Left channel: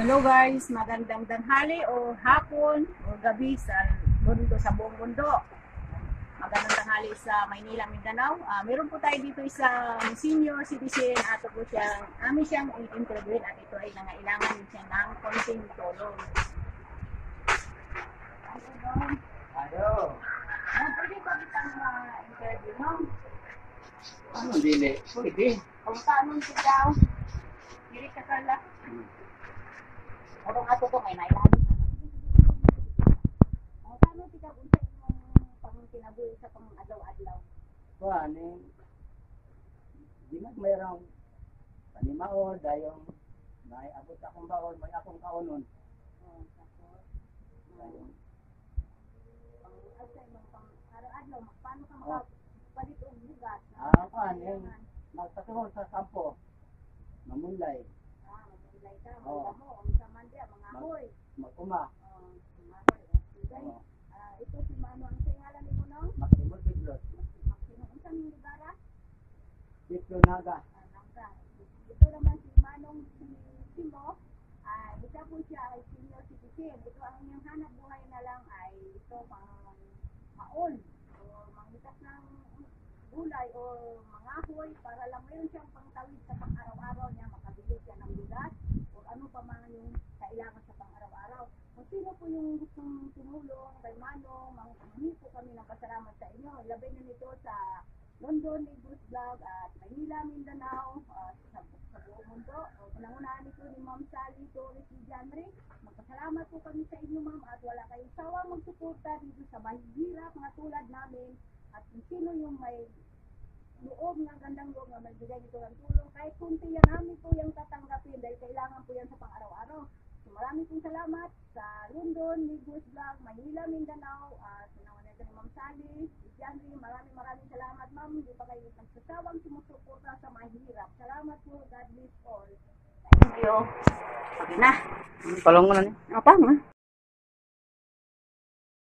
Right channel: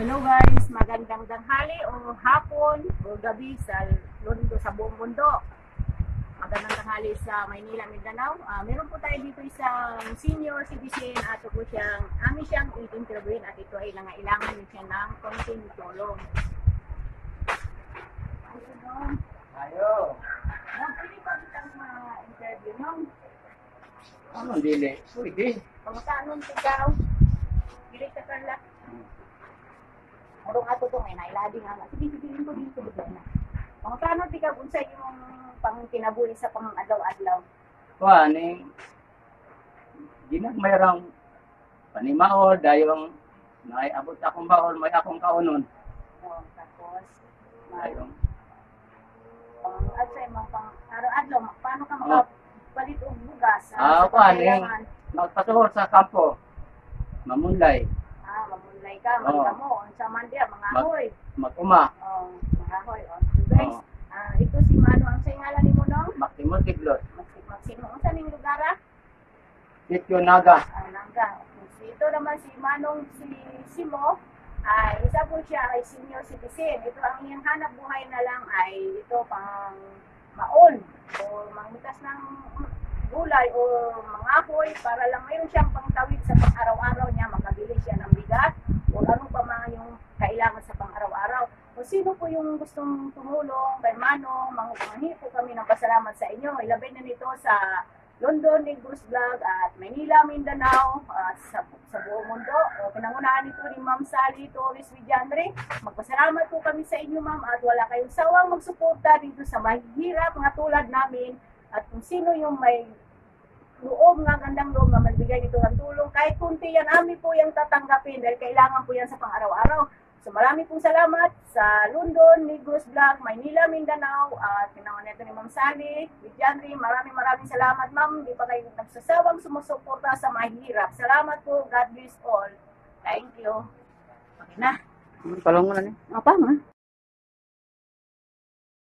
Hello guys, magandang tanghali o hapon o gabi sa mundo, sa buong mundo. Magandang tanghali sa Maynila, Mindanao. Meron po tayo dito isang senior citizen at po amin siyang i-interviewin at ito ay nangailangan din siya ng konting tulong. Ayo. Pwede ba kitang interview no? Ano dili? Pwede. Kung tanong ikaw, dili ka pala. Orong ato to may nailabi nga. Sige, mo dito dito. Kung paano di ka unsa yung pang kinabuhi sa pang adlaw-adlaw? Kuani. Ginag mayroong panimaol dayong may abot akong baol, may akong kaunon. Tapos Dayong at sa imong pang araw-adlaw, paano ka makapalit og bugas? kuani. Kailangan? Magpatuhor sa kampo. Mamunlay. Mamunlay ka, mga mo, unsa man diya, mga hoy. Maguma. Mga hoy. So guys, ito si Mano, ang sa ngalan nimo no? Maktimol Kiglot. Magsimo, unsa ning lugar? Sityo Naga. Naga. Ito naman si Manong si Simo, ay isa po siya ay senior citizen. Ito ang iyang hanap buhay na lang ay ito pang maon o mangitas ng gulay o mga apoy para lang mayroon siyang pangtawid sa pang-araw-araw niya, makabili siya ng bigat o ano pa mga yung kailangan sa pang-araw-araw. Kung sino po yung gustong tumulong kay Manong, manghihingi po kami ng pasalamat sa inyo. Ilabay na nito sa London, Negros Vlog at Manila, Mindanao, sa buong mundo. O pinangunahan nito ni Ma'am Sally Torres Villandre. Magpasalamat po kami sa inyo, Ma'am, at wala kayong sawang magsuporta dito sa mahihirap mga tulad namin. At kung sino yung may loob nga, gandang loob na magbigay dito ng tulong, kahit kunti yan, amin po yung tatanggapin dahil kailangan po yan sa pang-araw-araw. So marami pong salamat sa London, Negros Vlog, Maynila, Mindanao, at pinangunahan nito ni Ma'am Sally Villandre. Maraming salamat, Ma'am. Hindi pa kayo nagsasawang sumusuporta sa mahirap. Salamat po. God bless all. Thank you. Okay na. Palong mo na ni. Apa nga?